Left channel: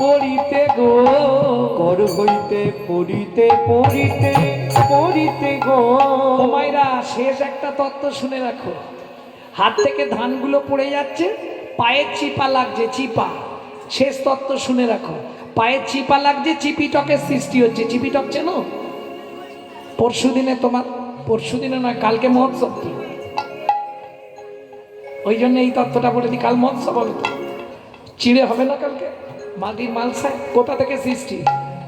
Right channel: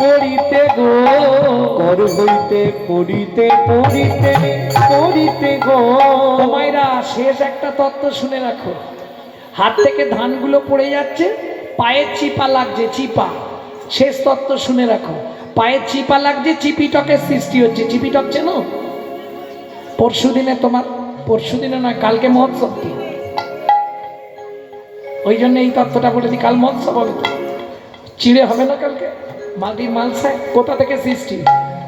পড়িতে গো, কর হইতে, পড়িতে পড়িতে পড়িতে গো। মায়েরা শেষ একটা তত্ত্ব শুনে রাখো। হাত থেকে ধানগুলো পড়ে যাচ্ছে, পায়ের চিপা লাগছে, চিপা। শেষ তত্ত্ব শুনে রাখো। পায়ের চিপা লাগছে, চিপিটকের সৃষ্টি হচ্ছে। চিপিটক চেনো? পরশু দিনে তোমার পরশু দিনে নয় কালকে মহোৎসব কি? ওই জন্য এই তত্ত্বটা বলে দিই, কাল মহোৎসব হবে চিড়ে হবে না কালকে? মাটির মালসা কোথা থেকে সৃষ্টি?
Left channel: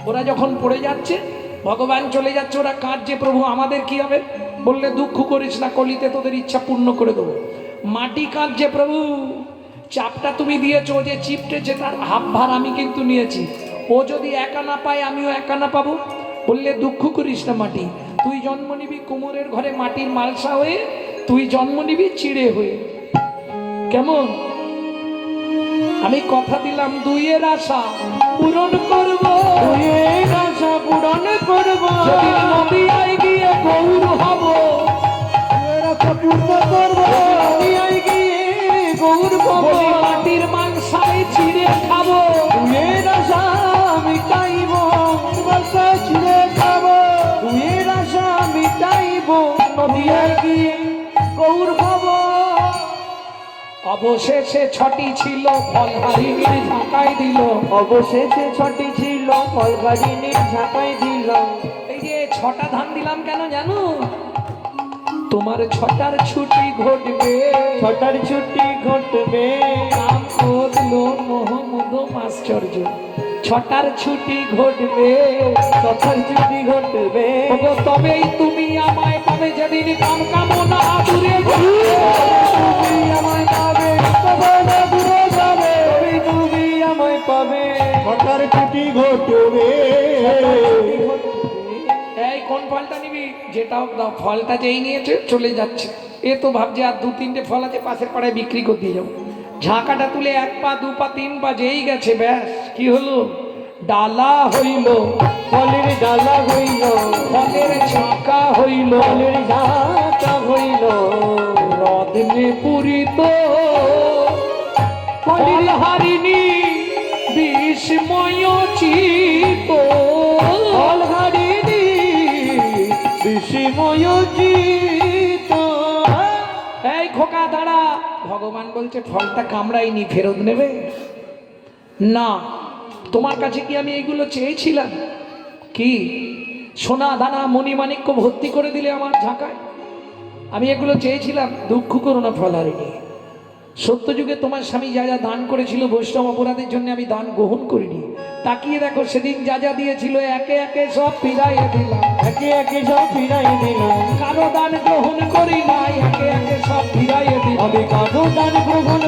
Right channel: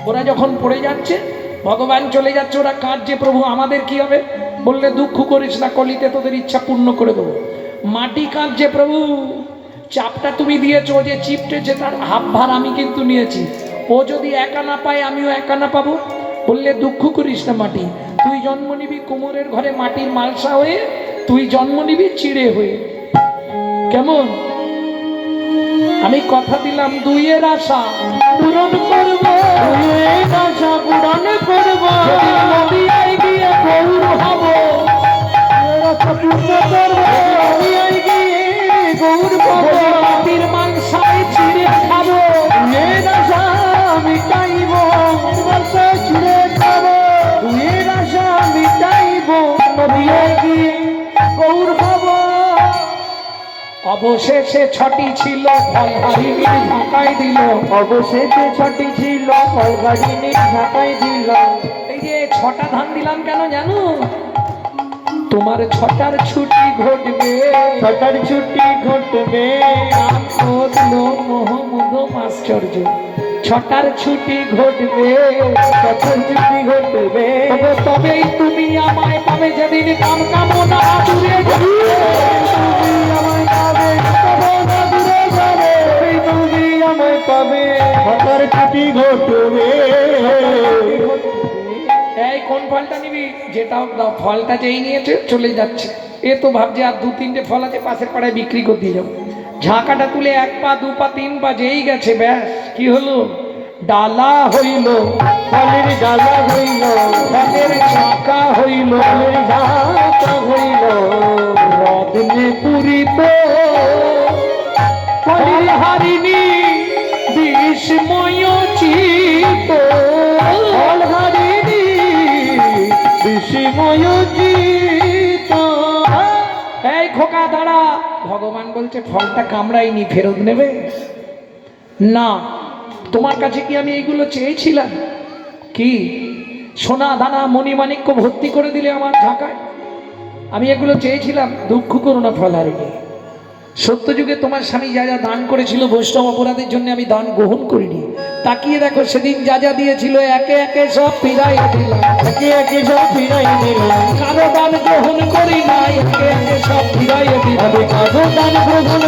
ওরা যখন পড়ে যাচ্ছে, ভগবান চলে যাচ্ছে, ওরা কাঁদছে, প্রভু, আমাদের কি হবে? বললে, দুঃখ করিস না, কলিতে তোদের ইচ্ছা পূর্ণ করে দেবো। মাটি কাঁদছে, প্রভু, চাপটা তুমি দিয়েছ যে চিপটেছে, তার হাফ ভার আমি কিন্তু নিয়েছি। ও যদি একা না পায়, আমিও একা না পাবো। বললে, দুঃখ করিস না, মাটি, তুই জন্ম নিবি কুমোরের ঘরে মাটির মালসা হয়ে, তুই জন্ম নিবি চিড়ে হয়ে। কেমন? আমি কথা দিলাম দুইয়ের আশা। পূরণ করব। দুইয়ের আশা পূরণ করব। নদিয়ায় গিয়ে গৌর হব। আশা পূর্ণ করব। দুনিয়ায় গিয়ে গৌর পাব যেদিন মাটির মাংসায় চিড়ে খাব। দুইয়ের আশা মিটাইব। আশা ছিঁড়ে খাব। দুইয়ের আশা মিটাইব। নদিয়ায় গিয়ে অবশেষে ছটি ছিল ফল হারিয়ে ঢাকায় দিল। অবশেষে ছটি ছিল ফলগাড়িনি ঢাকায় দিলাম এই যে ছটা ধান দিলাম কেন জানো? তোমার ছটার ছুটি ঘটবে। ছটার ছুটি ঘটবে। আশ্চর্য ছটার ছুটি ঘটবে। ছটার ছুটি ঘটবে। তবেই তুমি আমায় পাবে যেদিন কাম ছটার ছুটি ঘটবে। এই, কোন ফলটা নিবি? যেটা দাও, ফলটা যেই নিয়েছে চলে যাচ্ছে। এ তো ভাবছে আর দু তিনটে ফল আছে, পাশের পাড়ায় বিক্রি করে দিয়ে ঝাঁকাটা তুলে এক পা, দু পা, তিন পা, যেই গেছে, ব্যাস, কি হলো? ডালা হইল, ফলের ডালা হইল, ফলের ঝাঁকা হইল, ফলের ঝাঁকা ভগবান বলছে, ফলটা কামড়াইনি ফেরত নেবে? না, তোমার কাছে কি আমি এইগুলো চেয়েছিলাম? কি? সোনা দানা মণিমাণিক্য ভর্তি করে দিলে আমার ঢাকায় আমি এগুলো চেয়েছিলাম, দুঃখ করো না হারিনি সত্যযুগে তোমার স্বামী যা যা দান করেছিল বৈষ্ণব অপরাধের জন্য আমি দান গ্রহণ করিনি। তাকিয়ে দেখো, সেদিন যা যা দিয়েছিল, একে একে সব ফিরাই দিলাম, একে একে সব ফিরাই দিলাম। কারও দান গ্রহণ করি নাই, একে একে সব ফিরাই দিলাম। কারও দান গ্রহণ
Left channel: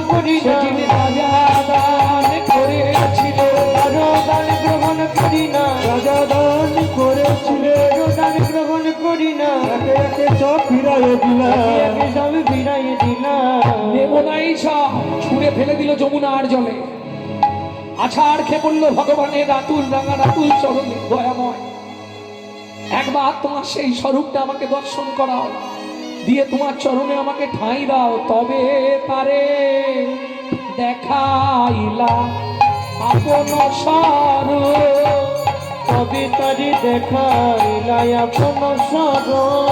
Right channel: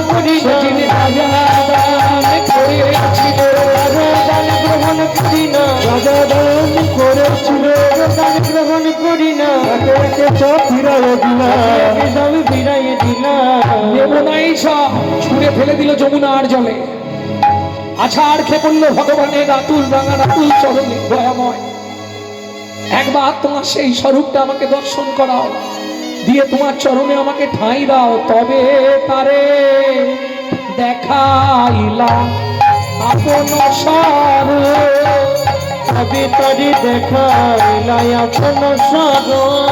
ফেলে দিল যমুনার জলে। আছাড় খেয়ে পড়ল ভগবানের রাতুল রাঙা রাতুল চরণে দয়াময় একবার তোমার সেই স্বরূপটা আমাকে দর্শন করাও, দিয়ে তোমার চরণে আমাকে ঠাঁই দাও। তবে তারে দেখাইলাম আপন স্বরূপ তবে তারি দেখাইলাই আপন সার।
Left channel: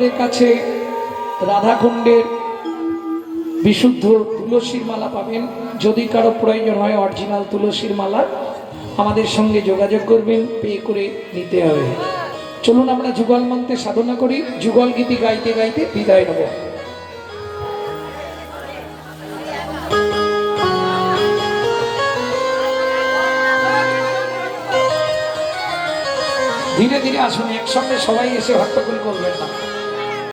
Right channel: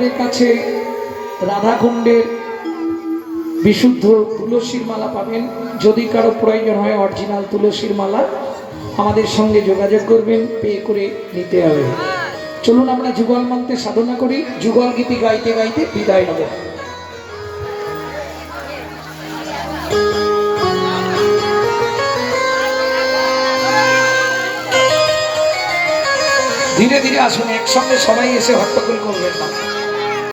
আমাদের কাছে রাধাকুণ্ডের বিশুদ্ধ তুলসীর মালা পাবেন। যদি কারও প্রয়োজন হয় অরিজিনাল তুলসীর মালা, আমাদের সঙ্গে যোগাযোগ করবেন, পে করে নিতে হবে। চলুন আমরা যুগল মন্ত্রে সাধনা করি। যুগল গীতি গাইতে গাইতে বিদায় হব ধীরে ধীরে আসুন, একসঙ্গে সবাই এসে হট্টগোল করবেন না।